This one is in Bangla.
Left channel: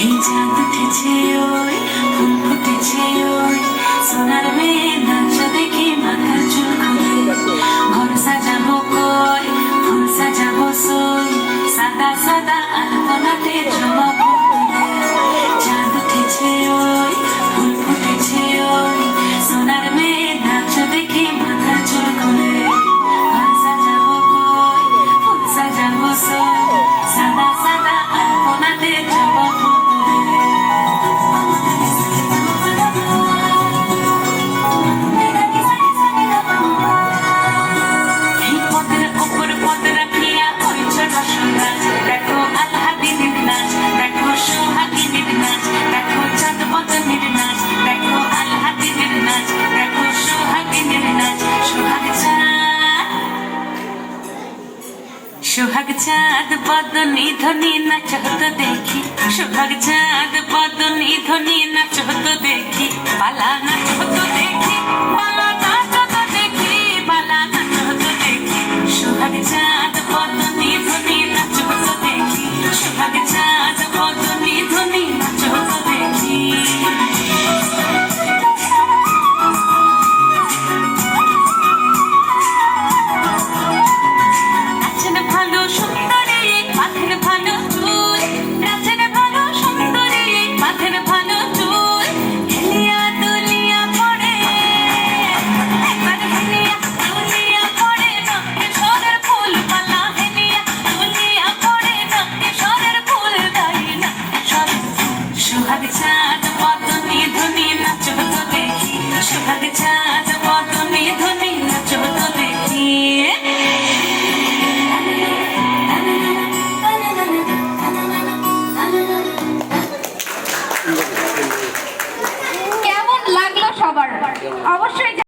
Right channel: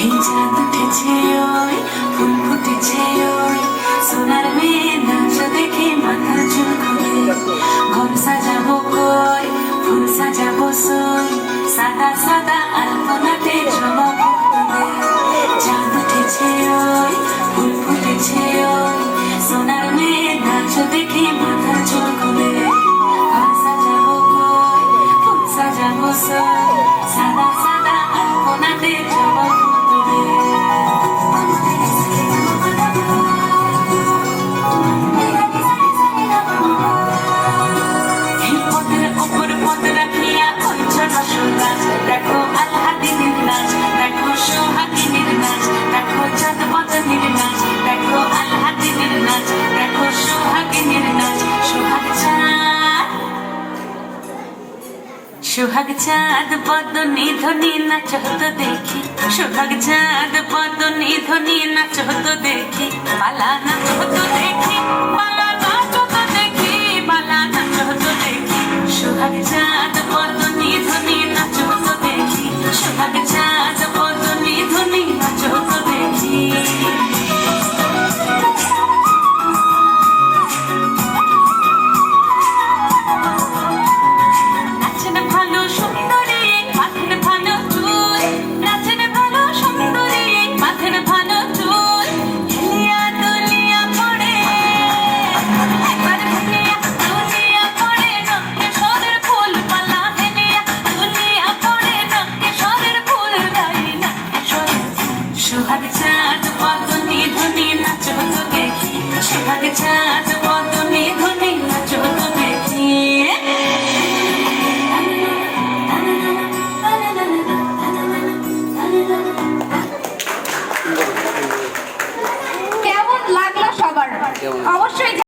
এই চাঁদ উঠেছে ওই ফুল ফুটেছে ওই সোনার মেয়ে নাচ দেখে মাথার চুল খুলে ঘর সাজাবো কই ফুল সাজাবো সই সাদা সাদা আলপনাতে জমা ফুলে চাঁদ উঠেছে ওই ফুল ফুটেছে ওই সোনার মেয়ে নাচ দেখে মাথার চুল খুলে ঘর সাজাবো কই ফুল সাজাবো সই সাদা সাদা আলপনাতে জমা সোহাগ চাঁদ বদনি ধনি নাচ তো দেখি সোহাগ চাঁদ বদনি ধনি নাচ তো দেখি পালা নাচ তো দেখি পালা নাচ তো দেখি পালা নাচ তো দেখি সোহাগ চাঁদ বদনি ধনি নাচ তো দেখি সোহাগ চাঁদ বদনি ধনি নাচ তো দেখি সোহাগ চাঁদ বদনি ধনি নাচ তো দেখি সোহাগ চাঁদ বদনি ধনি নাচ তো দেখি কেমন লাগলো সবার অবশ্যই